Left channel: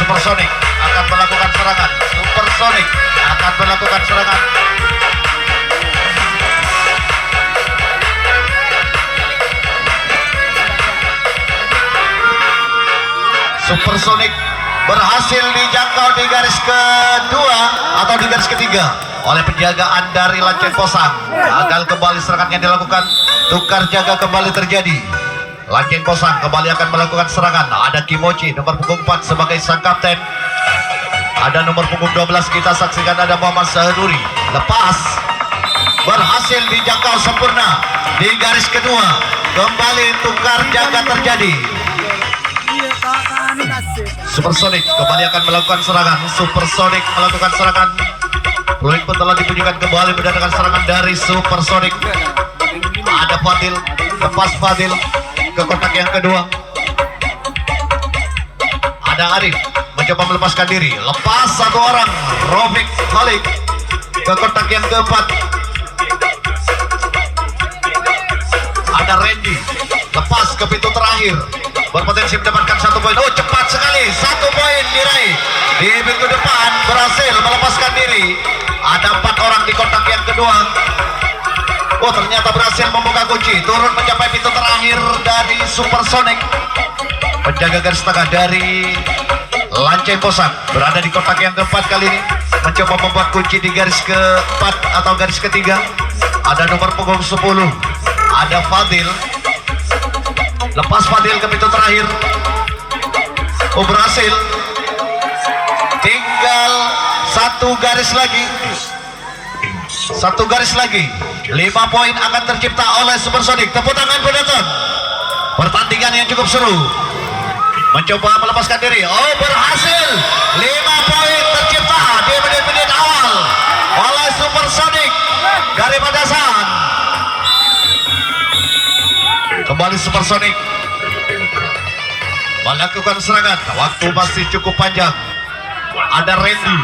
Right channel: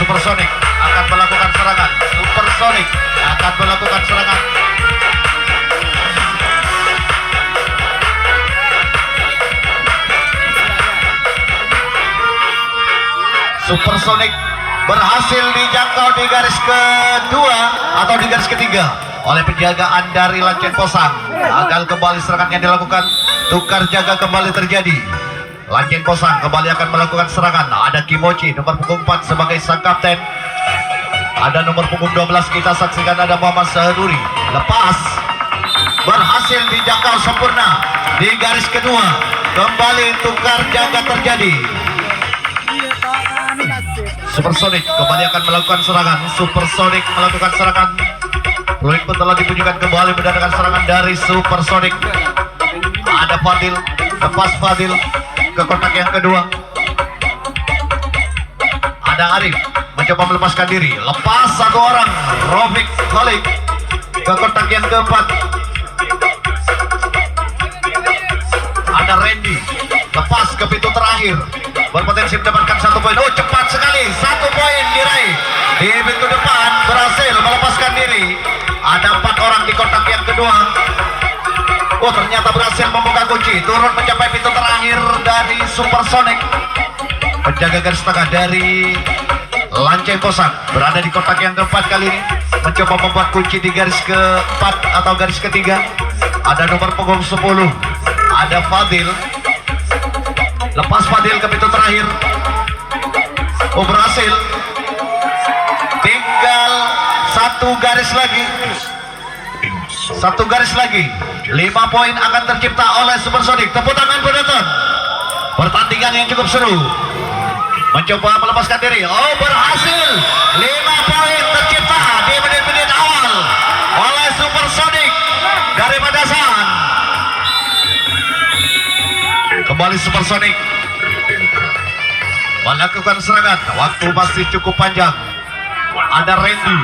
Supersonic akan melakukan serangan. Supersonic akan melakukan serangan. Supersonic berhasil dijangkau di garis kedua atau di garis ketiga oleh penjagaan dari Lanceng Posang. Gagal kembali serangan yang dilakukan. Tukar jaga kembali terjadi. Lanceng Posang kembali akan melakukan serangan. Ada Kimochi nomor punggung 4 sebagai sang kapten. Ada nomor punggung 12 kita saksikan ada Muhammad Sahaduri. Lepas berhasil dijangkau sempurna di garis kedua. Kembali tukar jaga terjadi. Supersonic kembali akan melakukan serangan. Supersonic melakukan serangan. Peluit pun telah dibunyikan kembali mendatangkan serangan dari Supersonic. Ada Fadil, lepas Fadil ke kotak yang kedua. Ada Arif mencoba melepaskan diri. Lepas satu orang. Rofik balik ke kotak yang keempat. Ada Randy lepas ke pintu terakhir. Berpotensi mendapatkan 1 poin. Oh, cepat sekali, 1 poin diraih di pintu depan. Berhasil melepaskan diri. Ada 4 orang di kotak yang kedua. Oh, ternyata berhasil membuka kunci. Turun mencapai pintu terakhir dari Supersonic. Penjaga garis tengah dari Lanceng Posang berada di kotak yang keempat kali ini. Mencoba membuat kunci di garis keempat atau garis ketiga. Ada nomor punggung 10. Ada Fadil. Lepas Fadil ke pintu terakhir. Oh, berhasil. Tinggal 1 garis lagi. 1 garis lagi. 5 poin akan tercipta oleh Supersonic. Tepuk tangan penonton. Pertandingan yang cukup seru. Mencoba melepaskan diri. Oh, berhasil. 5 poin tercipta di menit-menit awal oleh Supersonic dari Padasan. Kembali Supersonic melakukan serangan. Waktu masih cukup panjang. Ada Randy,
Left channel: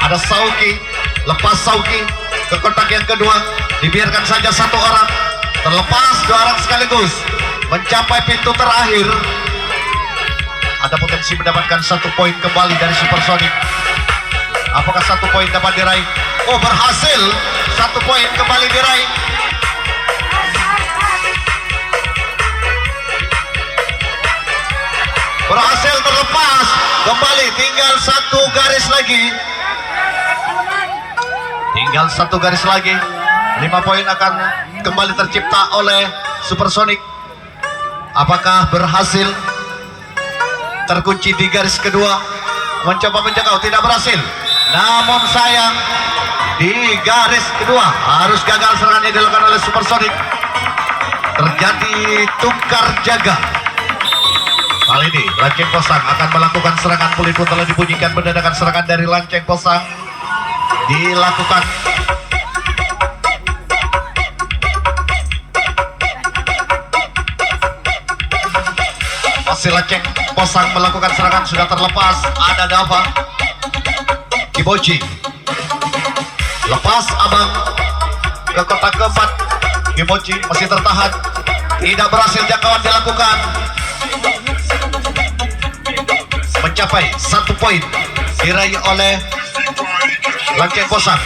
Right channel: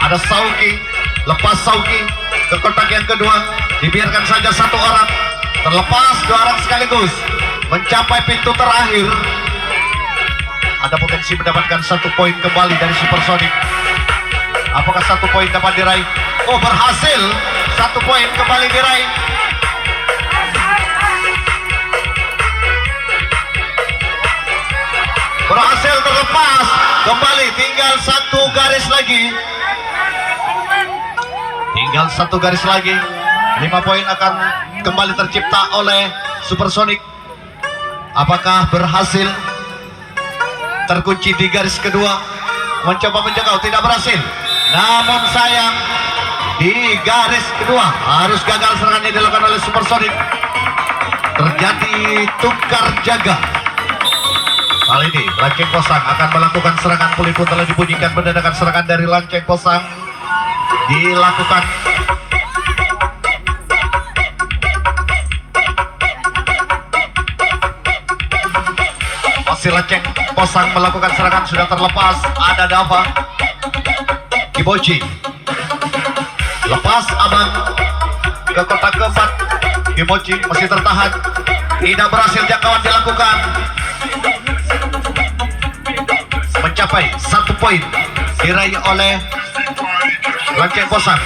ada Sauki. Lepas Sauki ke kotak yang kedua. Dibiarkan saja 1 orang. Terlepas 2 orang sekaligus mencapai pintu terakhir. Ada potensi mendapatkan 1 poin kembali dari Supersonic. Apakah 1 poin dapat diraih? Oh, berhasil. 1 poin kembali diraih. Berhasil terlepas kembali. Tinggal 1 garis lagi. Tinggal 1 garis lagi. 5 poin akan kembali tercipta oleh Supersonic. Apakah berhasil? Terkunci di garis kedua. Mencoba menjangkau, tidak berhasil. Namun sayang, di garis kedua harus gagal serangan yang dilakukan oleh Supersonic. Terjadi tukar jaga. Kali ini Lanceng Posang akan melakukan serangan. Peluit pun telah dibunyikan. Mendadak serangan dari Lanceng Posang dilakukan. Masih Lanceng Posang melakukan serangan. Sudah terlepas. Ada Dava, Kibochi. Lepas Abang ke kotak keempat. Kibochi masih tertahan. Tidak berhasil jangkauan dilakukan. Mencapai 1 poin diraih oleh Lanceng Posang.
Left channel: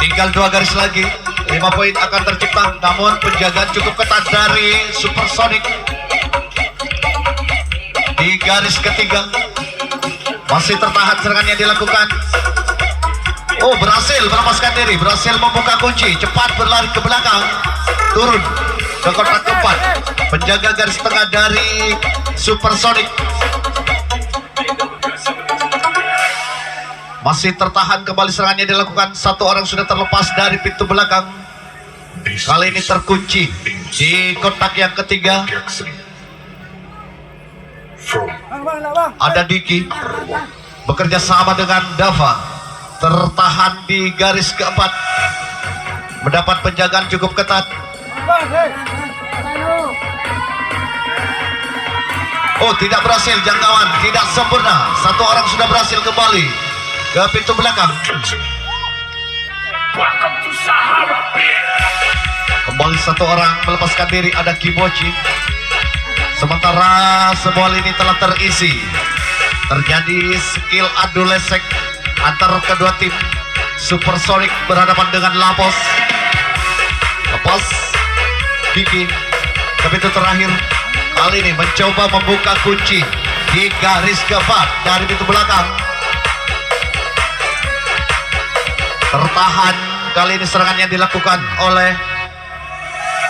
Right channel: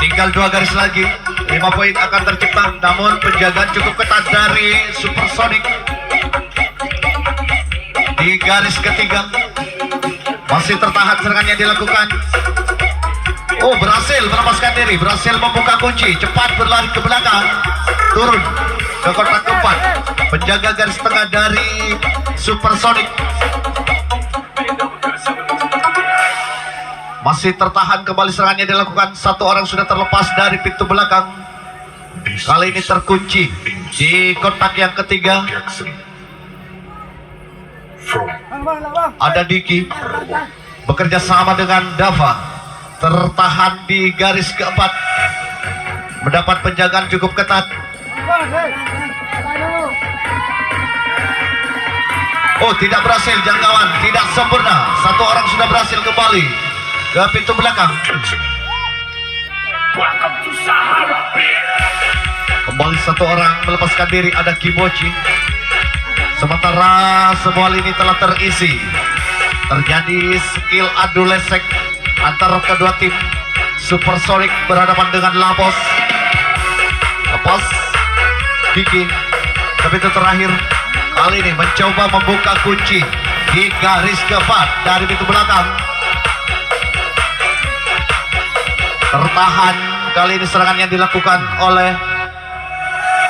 Tinggal 2 garis lagi. 5 poin akan tercipta. Namun penjagaan cukup ketat dari Supersonic di garis ketiga. Masih tertahan serangannya dilakukan. Oh, berhasil melepaskan diri. Berhasil membuka kunci. Cepat berlari ke belakang. Turun ke kotak keempat. Penjaga garis tengah dari Supersonic masih tertahan. Kembali serangannya dilakukan. 1 orang sudah terlepas dari pintu belakang. Kali ini terkunci di kotak yang ketiga. Ada Diki bekerja sama dengan Dava. Tertahan di garis keempat. Mendapat penjagaan cukup ketat. Oh, tidak berhasil jangkauan. Tidak sempurna. 1 orang sudah berhasil kembali ke pintu belakang. Kembali 1 orang melepaskan diri. Ada Kimochi. Sementara semua lini telah terisi. Terjadi skill adu lesek antara kedua tim. Supersonic berhadapan dengan Lapos. Lapos Kiki ke pintu terakhir. Kali ini mencoba membuka kunci di garis keempat dari pintu belakang. Tertahan kali ini serangan yang dilakukan oleh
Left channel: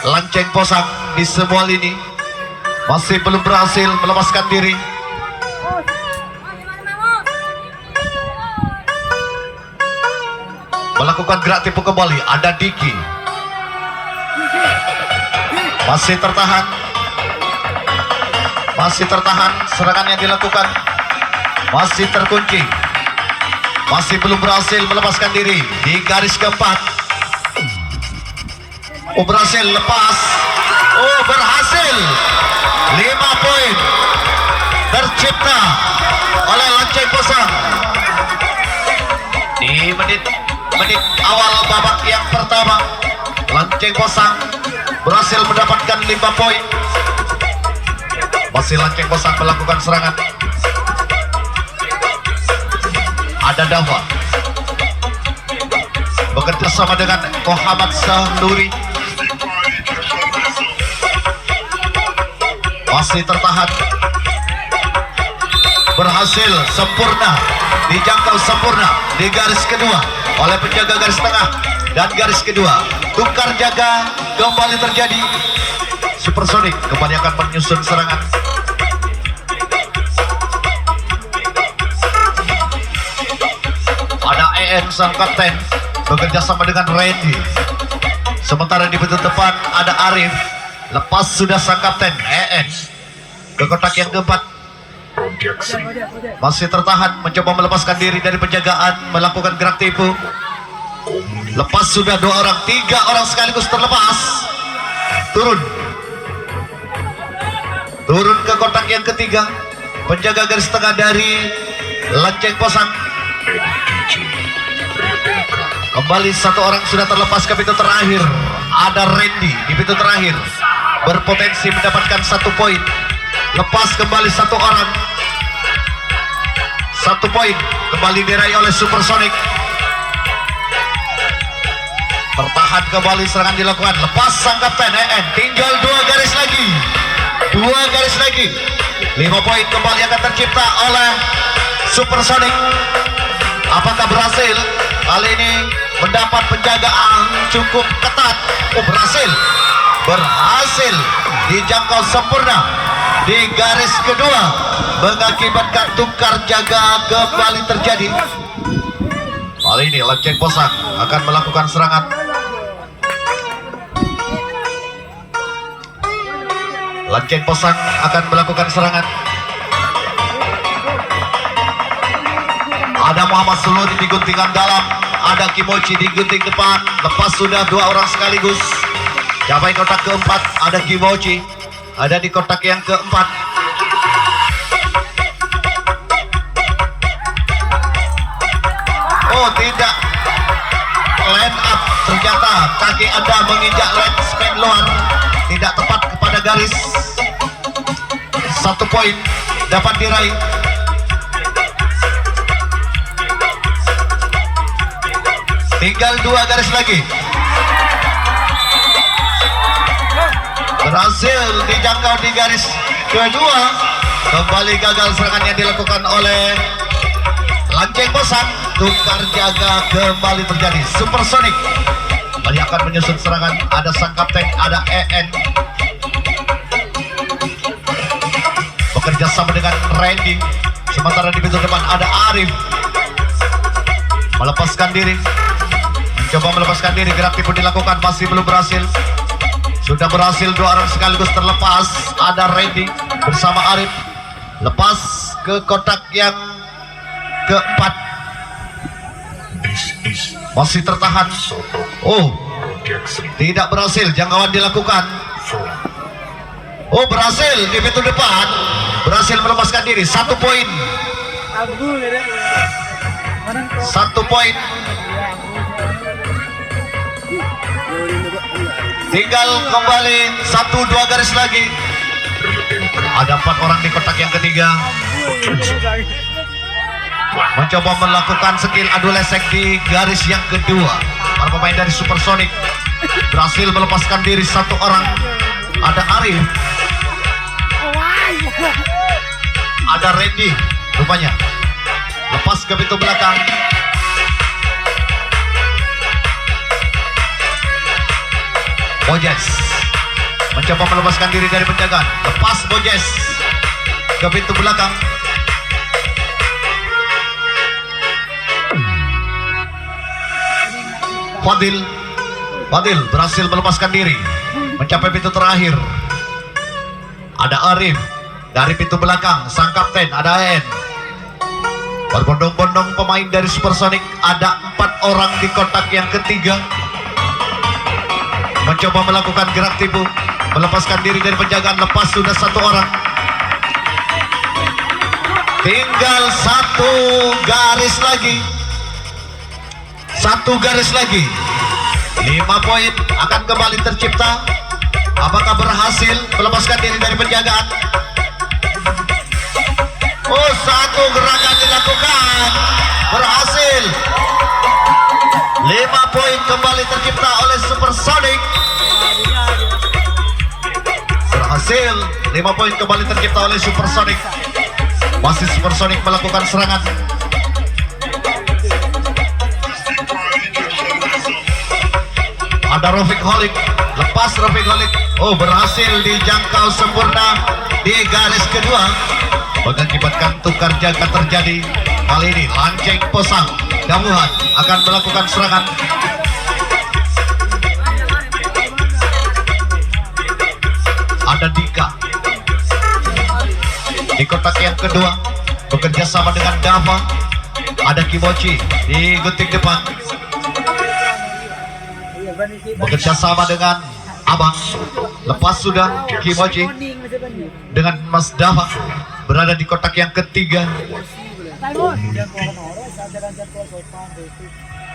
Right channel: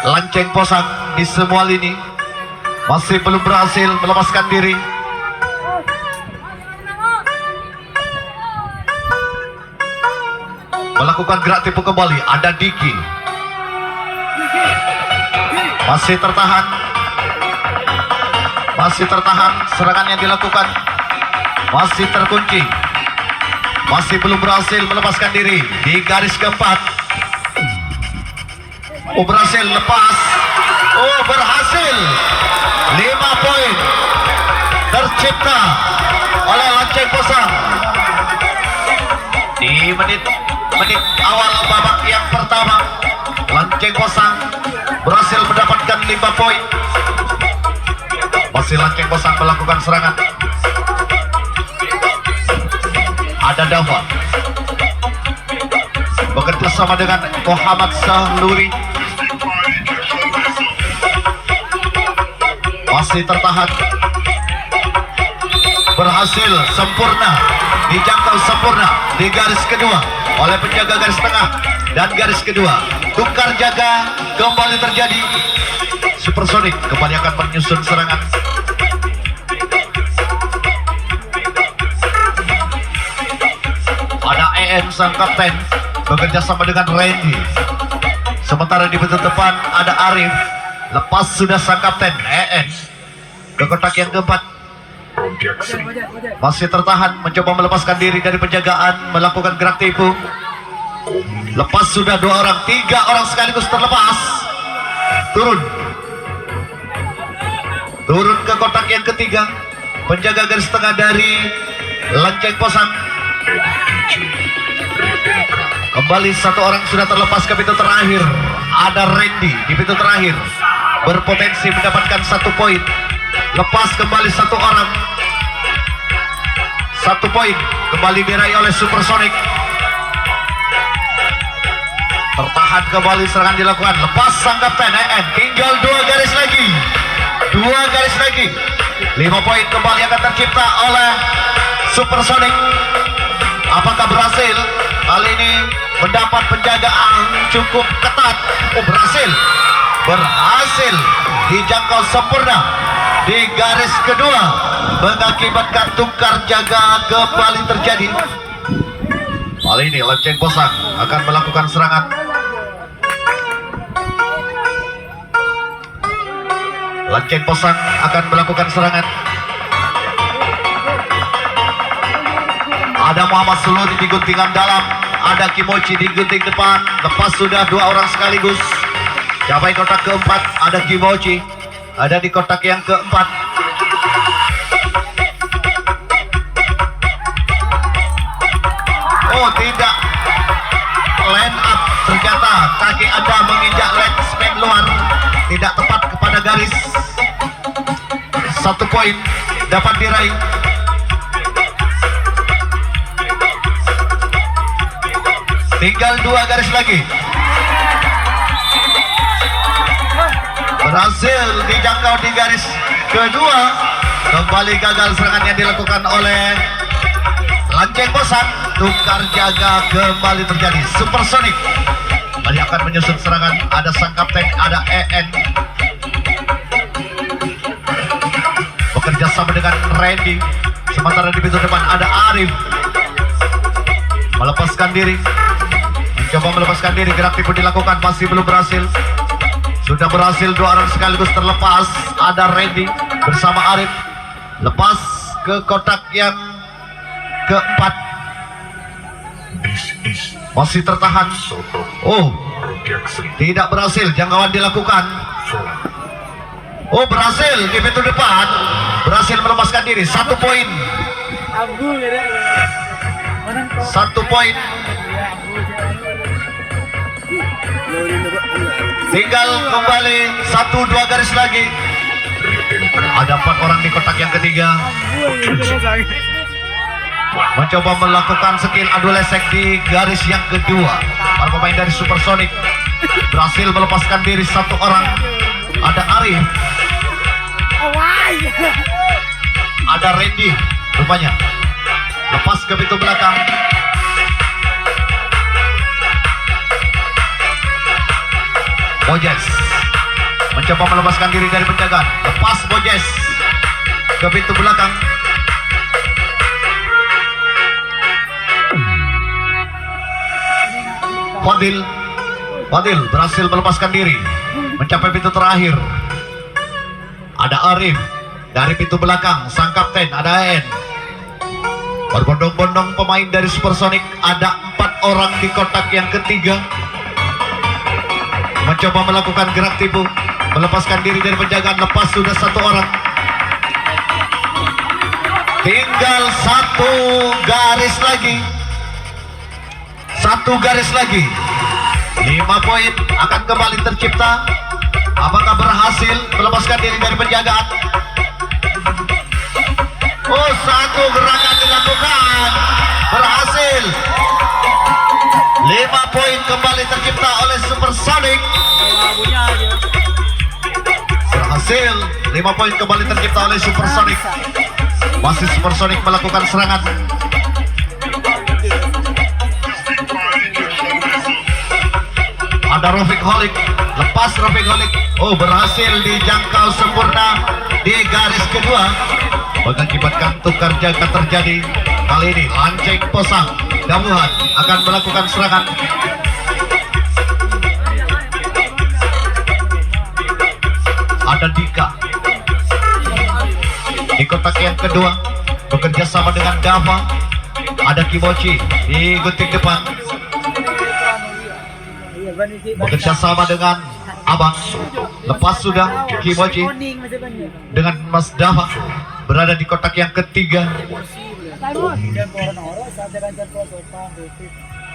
Lanceng Posang di semua lini. Masih belum berhasil melepaskan diri. Melakukan gerak tipu kembali. Ada Diki. Masih tertahan. Masih tertahan. Serangan yang dilakukan masih terkunci. Masih belum berhasil melepaskan diri di garis keempat. Oh, berhasil lepas. Oh, berhasil. 5 poin tercipta oleh Lanceng Posang di menit awal babak yang pertama. Lanceng Posang berhasil mendapatkan 5 poin. Masih Lanceng Posang melakukan serangan. Ada Dava bekerja sama dengan Muhammad Sahluri. Masih tertahan. Berhasil sempurna, dijangkau sempurna di garis kedua oleh penjaga garis tengah dan garis kedua. Tukar jaga kembali terjadi. Supersonic kembali akan menyusun serangan. Ada EN sang kapten bekerja sama dengan Randy. Sementara di pintu depan ada Arif. Lepas sudah sang kapten EN ke kotak yang keempat. Masih tertahan, mencoba melepaskan diri dari penjagaan, melakukan gerak tipu. Lepas sudah 2 orang, 3 orang sekaligus terlepas. Turun ke kotak yang ketiga. Penjaga garis tengah dari Lanceng Posang. Kembali 1 orang sudah terlepas ke pintu terakhir. Ada Randy di pintu terakhir, berpotensi mendapatkan 1 poin. Lepas kembali 1 orang. 1 poin kembali diraih oleh Supersonic. Tertahan kembali, serangan dilakukan. Lepas sang kapten EN. Tinggal 2 garis lagi. 2 garis lagi. 5 poin kembali akan tercipta oleh Supersonic. Apakah berhasil? Kali ini mendapat penjagaan cukup ketat. Oh, berhasil. Berhasil dijangkau sempurna di garis kedua, mengakibatkan tukar jaga kembali terjadi. Kali ini Lanceng Posang akan melakukan serangan. Lanceng Posang akan melakukan serangan. Ada Muhammad Sulur di guntingan dalam, ada Kimochi di gunting depan. Lepas sudah 2 orang sekaligus. Capai kotak keempat, ada Kimochi, ada di kotak yang keempat. Oh, tidak line up, ternyata kaki Anda menginjak leg spek luar, tidak tepat kepada garis. 1 poin dapat diraih. Tinggal 2 garis lagi. Berhasil dijangkau di garis kedua. Kembali gagal serangan yang dilakukan oleh Lanceng Posang. Tukar jaga kembali terjadi. Supersonic kembali akan menyusun serangan. Ada sang kapten, ada EN bekerja sama dengan Randy. Sementara di pintu depan ada Arif melepaskan diri. Mencoba melepaskan diri, gerak tipu dilakukan, masih belum berhasil. Sudah berhasil, 2 orang sekaligus terlepas. Ada Randy bersama Arif. Lepas ke kotak yang keempat. Masih tertahan. Oh, tidak berhasil, jangkauan dilakukan. Oh, berhasil di pintu depan. Berhasil melepaskan diri. 1 poin. 1 poin. Tinggal kembali 1-2 garis lagi. Ada 4 orang di kotak yang ketiga. Mencoba melakukan skill adu lesek di garis yang kedua. Para pemain dari Supersonic berhasil melepaskan diri 1 orang. Ada Arif, ada Randy rupanya. Lepas ke pintu belakang. Bojes mencoba melepaskan diri dari penjagaan. Lepas Bojes ke pintu belakang. Fadil berhasil melepaskan diri mencapai pintu terakhir. Ada Arif dari pintu belakang. Sang kapten ada En. Berbondong-bondong pemain dari Supersonic. Ada 4 orang di kotak yang ketiga. Mencoba melakukan gerak tipu, melepaskan diri dari penjagaan. Lepas sudah 1 orang. Tinggal 1 garis lagi. 1 garis lagi. 5 poin akan kembali tercipta. Apakah berhasil melepaskan diri dari penjagaan? Oh, 1 gerakan dilakukan. Berhasil. 5 poin kembali tercipta oleh Supersonic. Berhasil. 5 poin kembali tercipta oleh Supersonic. Masih Supersonic melakukan serangan. Ada Rafiq Holik. Lepas Rafiq Holik. Oh, berhasil dijangkau sempurna di garis kedua. Mengakibatkan tukar jaga terjadi. Kali ini Lanceng Posang Damuhan akan melakukan serangan. Ada Dika di kotak yang kedua bekerja sama dengan Dava. Ada Kimochi di gunting depan bekerja sama dengan Abang. Lepas sudah Kimochi dengan Mas Dava berada di kotak yang ketiga.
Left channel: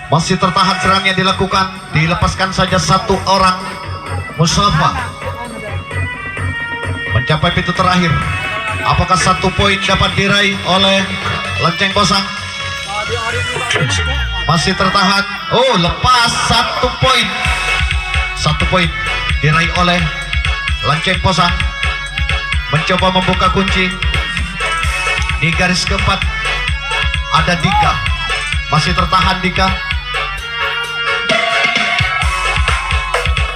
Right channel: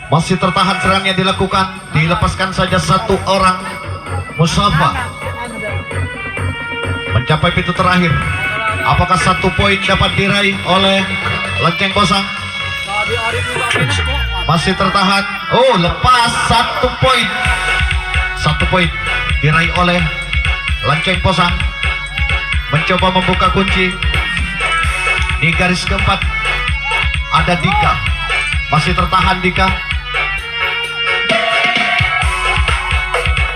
Masih tertahan serang yang dilakukan. Dilepaskan saja 1 orang. Mustafa mencapai pintu terakhir. Apakah 1 poin dapat diraih oleh Lanceng Posang? Masih tertahan. Oh, lepas 1 poin. 1 poin diraih oleh Lanceng Posang. Mencoba membuka kunci di garis keempat. Ada Dika. Masih tertahan Dika.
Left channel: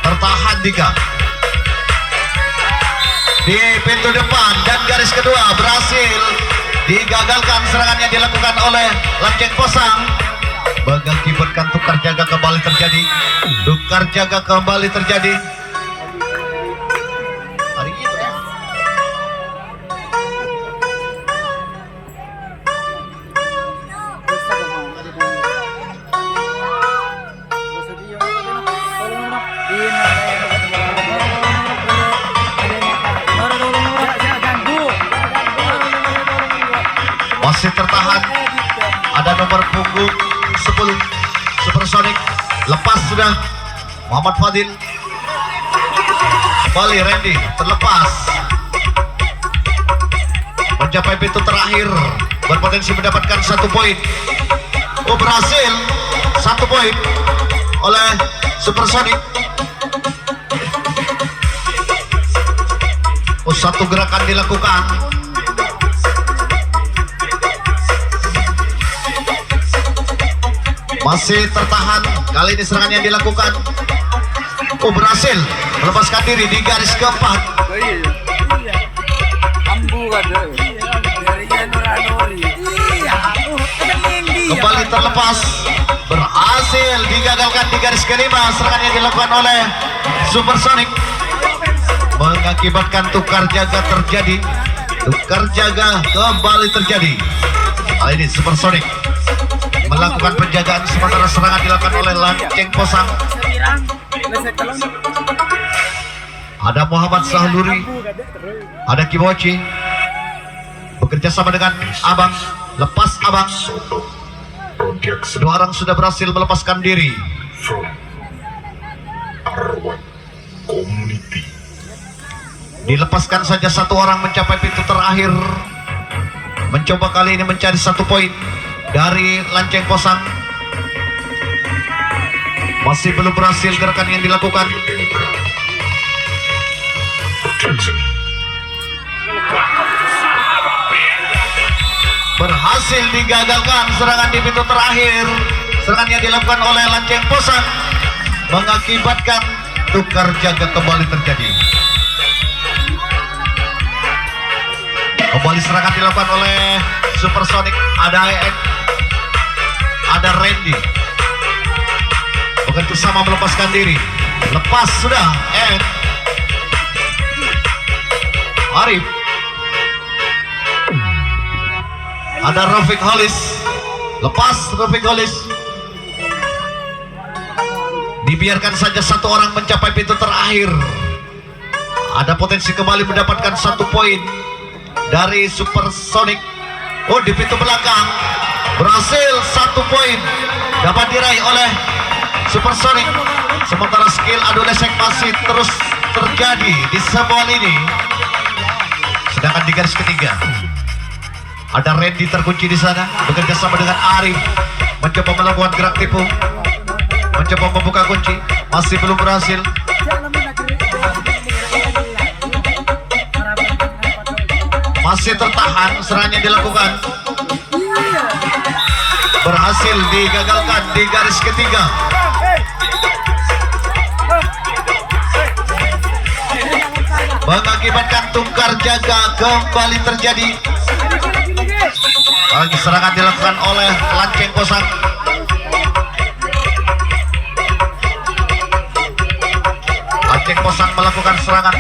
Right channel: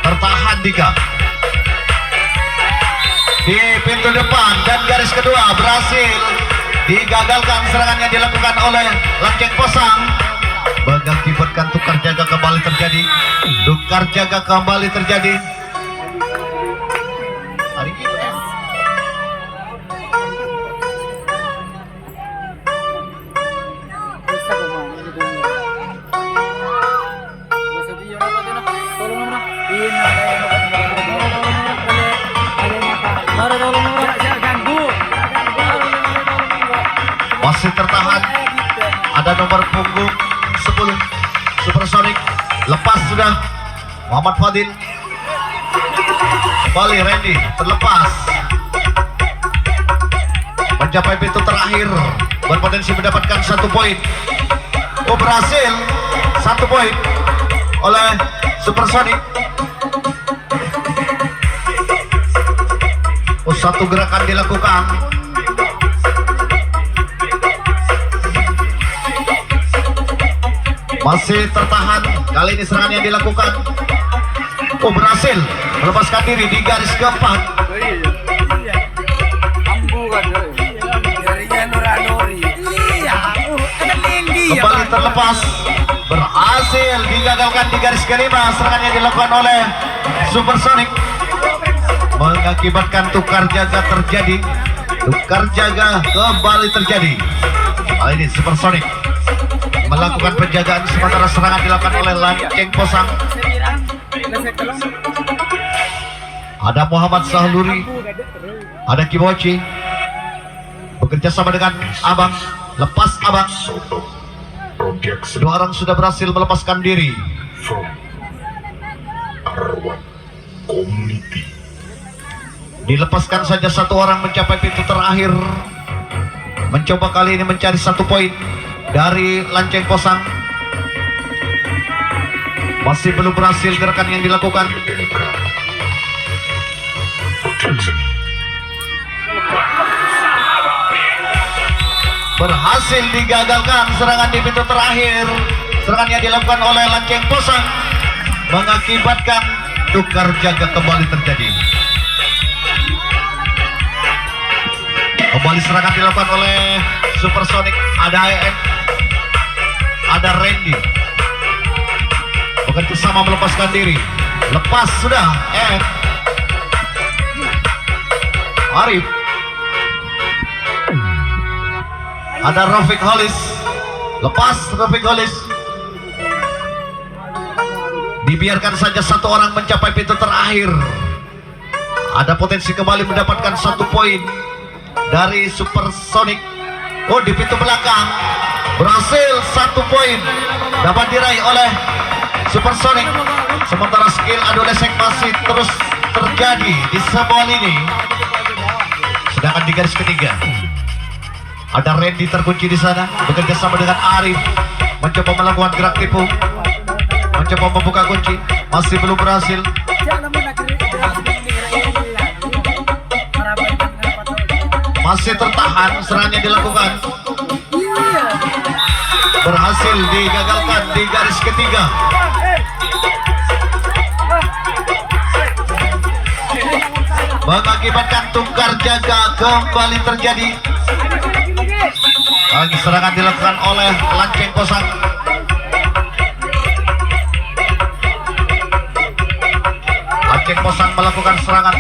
Tertahan Dika di pintu depan dan garis kedua. Berhasil digagalkan serangan yang dilakukan oleh Lanceng Posang. Mengakibatkan tukar jaga kembali terjadi. Tukar jaga kembali terjadi. Hari ini masih tertahan. Ada nomor punggung 10 Supersonic. Lepas sudah Muhammad Fadil. Kembali Randy terlepas. Mencapai pintu terakhir. Berpotensi mendapatkan 1 poin. Oh, berhasil 1 poin oleh Supersonic. Oh, 1 gerakan dilakukan. Masih tertahan. Kali ini serangan yang dilakukan. Oh, berhasil melepaskan diri di garis keempat. Kembali terlepas. Berhasil digagalkan di garis kelima. Serangan yang dilakukan oleh Supersonic mengakibatkan tukar jaga terjadi. Tukar jaga kembali terjadi. Kali ini Supersonic melakukan penjagaan sementara serangan dilakukan oleh Lanceng Posang. Ada Muhammad Sahluri, ada Kimochi bekerja sama dengan Abang. Lepas Abang. 2 orang sudah berhasil melepaskan diri. Dilepaskan saja satu orang mencapai pintu terakhir. Mencoba kali ini mencari 1 poin dari Lanceng Kosang. Masih belum berhasil gerakan yang dilakukan. Berhasil digagalkan serangan di pintu terakhir. Serangan yang dilakukan oleh Lanceng Kosang mengakibatkan tukar jaga kembali terjadi. Kembali serangan dilakukan oleh Supersonic. Ada EN, ada Randy. Bekerja sama melepaskan diri. Lepas sudah EN. Arif. Ada Rafiq Holis. Lepas Rafiq Holis. Dibiarkan saja satu orang mencapai pintu terakhir. Ada potensi kembali mendapatkan 1 poin dari Supersonic. Oh, di pintu belakang berhasil 1 poin dapat diraih oleh Supersonic. Sementara skill adu lesek masih terus terjadi di sebuah lini. Sedangkan di garis ketiga ada Randy terkunci di sana, bekerja sama dengan Arif, mencoba melakukan gerak tipu, mencoba membuka kunci, masih belum berhasil. Masih tertahan, serangannya dilakukan. Berhasil digagalkan di garis ketiga. Mengakibatkan tukar jaga kembali terjadi. Lagi serangan dilakukan oleh Lanceng Kosang. Lanceng Kosang melakukan serangan.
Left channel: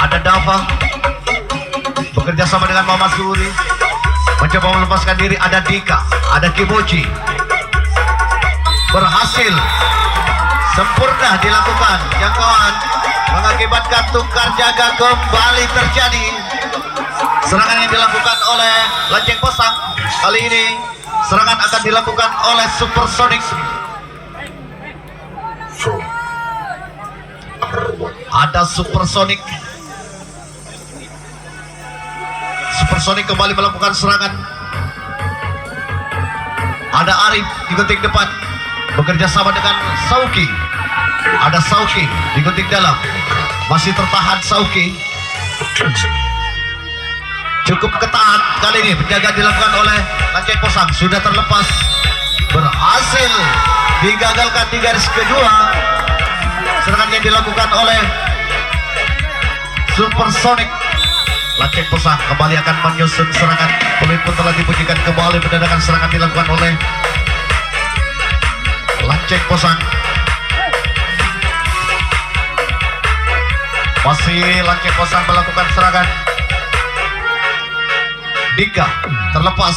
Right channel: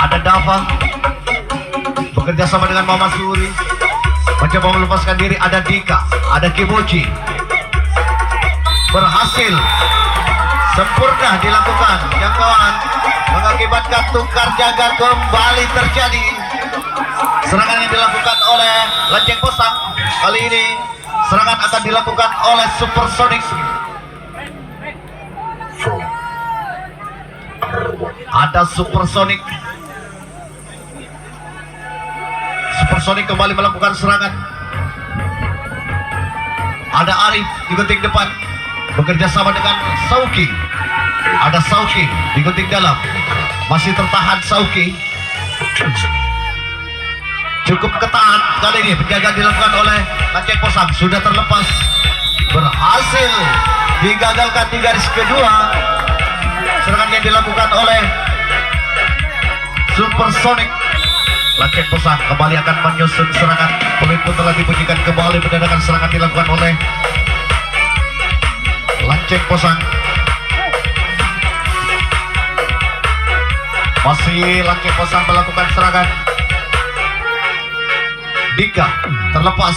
Ada Dava bekerja sama dengan Mama Suri, mencoba melepaskan diri. Ada Dika, ada Kimochi. Berhasil, sempurna dilakukan jangkauan, mengakibatkan tukar jaga kembali terjadi. Serangan yang dilakukan oleh Lanceng Kosang kali ini, serangan akan dilakukan oleh Supersonic. Ada Supersonic. Supersonic kembali melakukan serangan. Ada Arif di gunting depan, bekerja sama dengan Sauki. Ada Sauki di gunting dalam, masih tertahan Sauki. Cukup ketat kali ini, penjaga dilakukan oleh Lanceng Kosang. Sudah terlepas, berhasil digagalkan di garis kedua. Serangan yang dilakukan oleh Supersonic. Lanceng Kosang kembali akan menyusun serangan. Pemimpin telah dibunyikan kembali, mendadak serangan dilakukan oleh Lanceng Kosang. Masih Lanceng Kosang melakukan serangan. Dika terlepas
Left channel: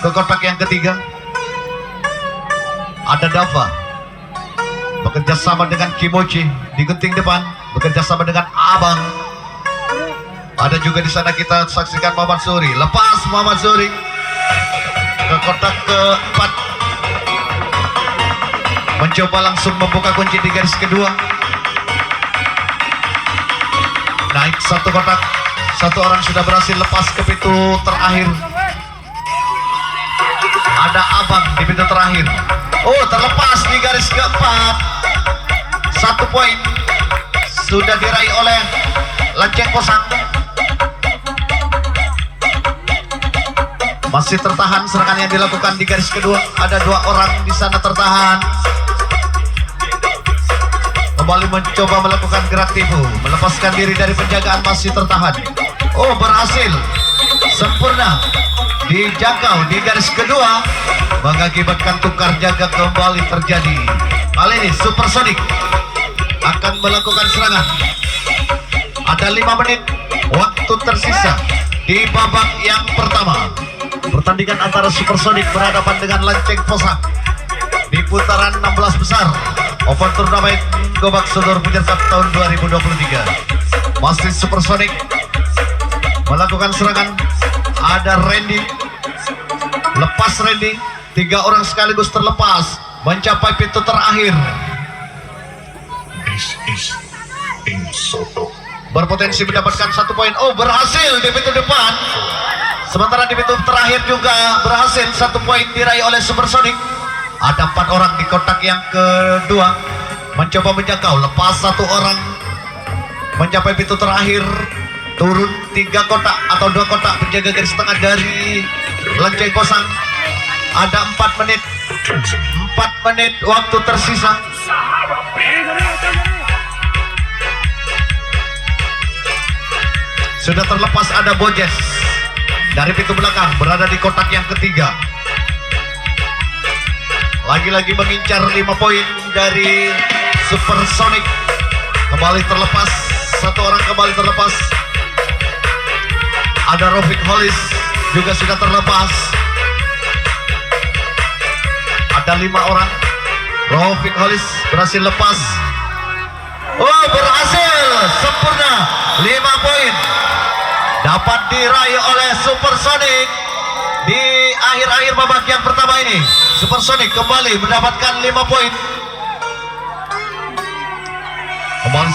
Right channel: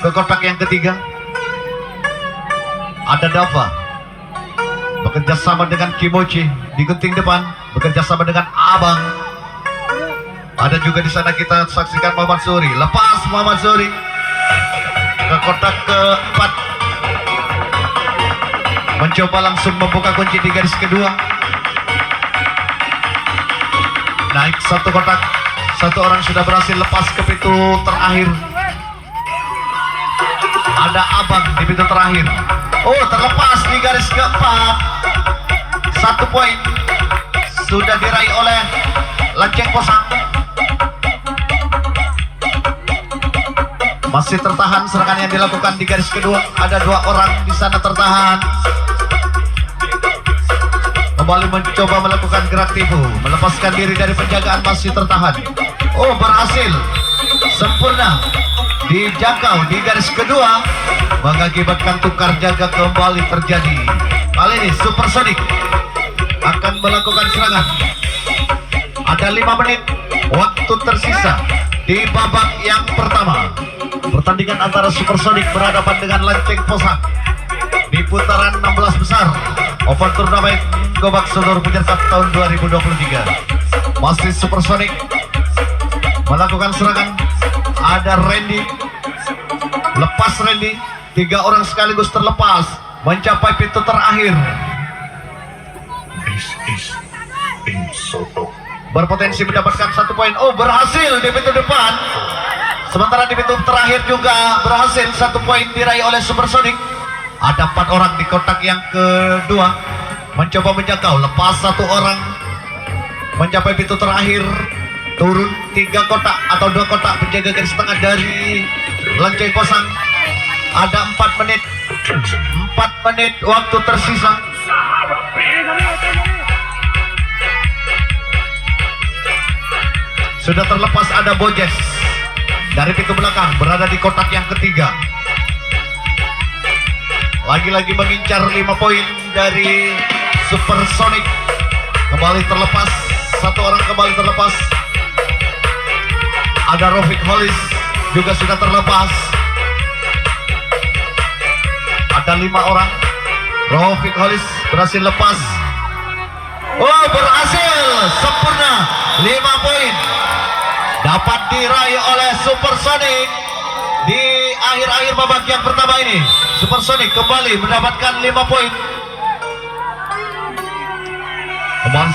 ke kotak yang ketiga. Ada Dava bekerja sama dengan Kimochi di gunting depan, bekerja sama dengan Abang. Ada juga di sana kita saksikan Muhammad Suri. Lepas Muhammad Suri ke kotak keempat, mencoba langsung membuka kunci di garis kedua. Naik 1 kotak, 1 orang sudah berhasil lepas ke pintu terakhir. Ada Abang di pintu terakhir. Oh, terlepas di garis keempat. 1 poin sudah diraih oleh Lanceng Kosang. Masih tertahan serangan yang dilakukan di garis kedua. Ada 2 orang di sana tertahan. Kembali mencoba melakukan gerak tipu, melepaskan diri dari penjagaan, masih tertahan. Oh, berhasil, sempurna dijangkau di garis kedua, mengakibatkan tukar jaga kembali terjadi. Kali ini Supersonic akan melakukan serangan. Ada 5 menit waktu tersisa di babak yang pertama. Pertandingan antara Supersonic berhadapan dengan Lanceng Kosang di putaran 16 besar Open Turnamen Gobak Sogor Puncak tahun 2023. Masih Supersonic melakukan serangan. Ada Randy, lepas Randy. 3 orang sekaligus terlepas mencapai pintu terakhir. berpotensi mendapatkan 1 poin. Oh, berhasil di pintu depan. Sementara di pintu terakhir juga berhasil 1 poin diraih oleh Supersonic. Ada 4 orang di kotak yang kedua mencoba menjangkau, lepas 1 orang mencapai pintu terakhir, turun 3 kotak atau 2 kotak penjaga garis tengah dari Lonceng Posang. Ada 4 menit waktu tersisa. Sudah terlepas ada Bojes dari pintu belakang, berada di kotak yang ketiga. Lagi-lagi mengincar 5 poin dari Supersonic. Kembali terlepas, 1 orang kembali terlepas. Ada Rafiq Hollis juga sudah terlepas. Ada 5 orang. Rafiq Hollis berhasil lepas. Oh, berhasil, sempurna, 5 poin dapat diraih oleh Supersonic di akhir-akhir babak yang pertama ini. Supersonic kembali mendapatkan 5 poin. Kembali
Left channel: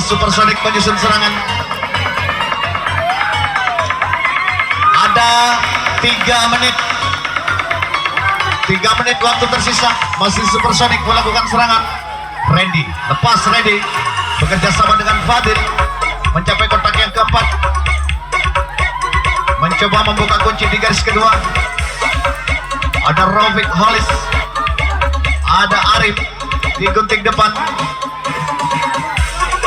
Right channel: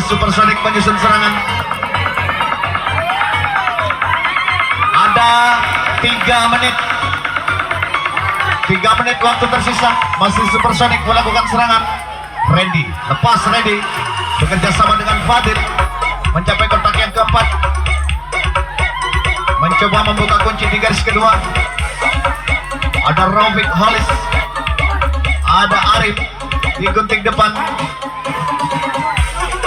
Supersonic menyusun serangan. Ada 3 menit waktu tersisa. Masih Supersonic melakukan serangan. Randy, lepas Randy, bekerja sama dengan Fadil, mencapai kotak yang keempat, mencoba membuka kunci di garis kedua. Ada Rafiq Hollis, ada Arif di gunting depan.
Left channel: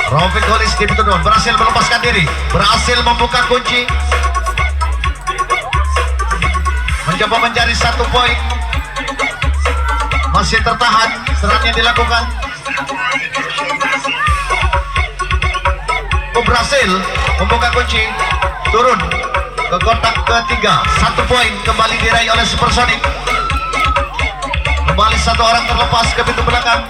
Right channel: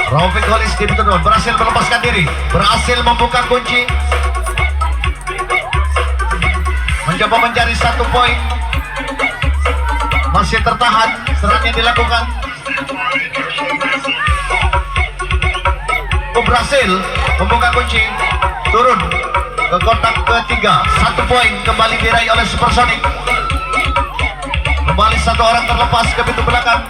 Rafiq Hollis di pintu depan berhasil melepaskan diri, berhasil membuka kunci, mencoba mencari 1 poin. Masih tertahan, serangan yang dilakukan. Berhasil membuka kunci, turun ke kotak ketiga. 1 poin kembali diraih oleh Supersonic. Kembali 1 orang terlepas ke pintu belakang.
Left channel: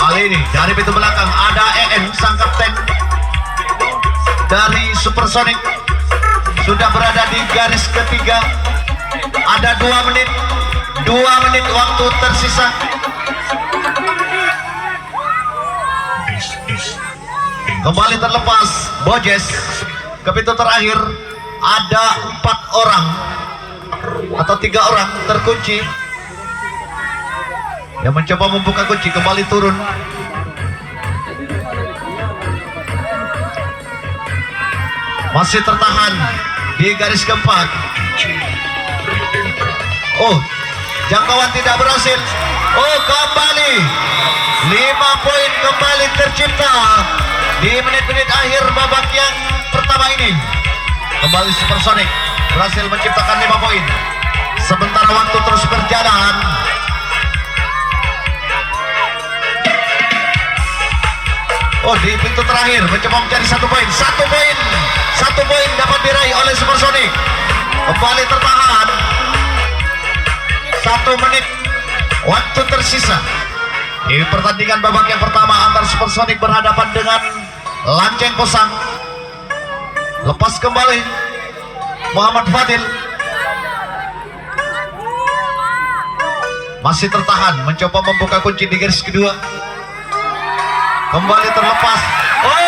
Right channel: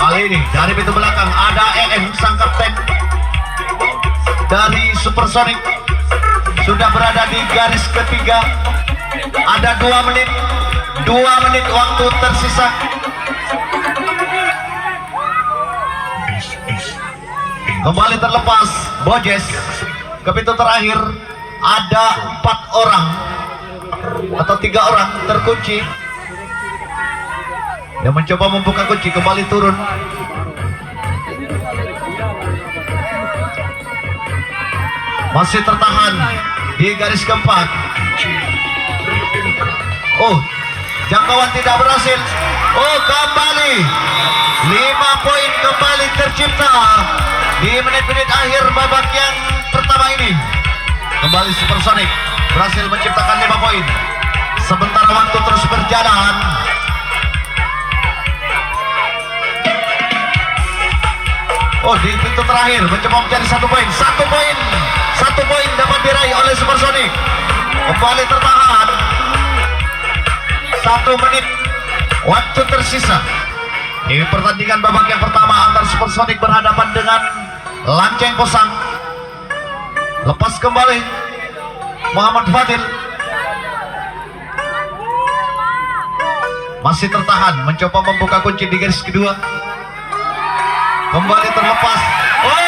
Kali ini dari pintu belakang ada EN, sang kapten dari Supersonic, sudah berada di garis ketiga. Ada 2 menit waktu tersisa. Kembali terlepas Bojes ke pintu terakhir. Ada 4 orang atau 3 orang terkunci yang mencoba membuka kunci, kembali turun. Masih tertahan di garis keempat. Oh, jangkauan tidak berhasil. Oh, kembali 5 poin kembali tercipta di menit-menit akhir babak yang pertama ini. Kembali Supersonic berhasil menciptakan 5 poin. Sebentar waktu terus berjalan. Oh, di pintu terakhir mencoba mencari 1 poin. 1 poin dapat diraih oleh Supersonic. Kembali tertahan. 1 menit waktu tersisa di pertandingan babak yang pertama antara Supersonic berhadapan dengan Lonceng Posang. Lepas kembali Muhammad Fadil, masih tertahan, mencoba membuka kunci di garis kedua. Kembali terlepas. Oh,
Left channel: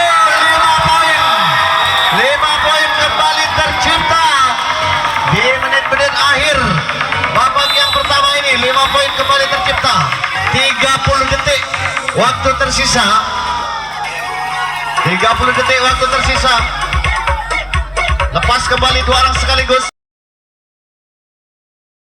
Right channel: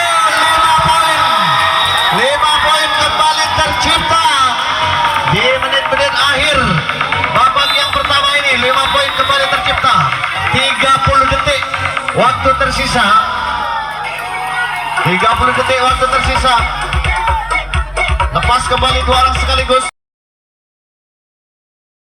5 poin kembali tercipta di menit-menit akhir babak yang pertama ini. 5 poin kembali tercipta. 30 detik waktu tersisa. 30 detik waktu tersisa. Lepas kembali 2 orang sekaligus.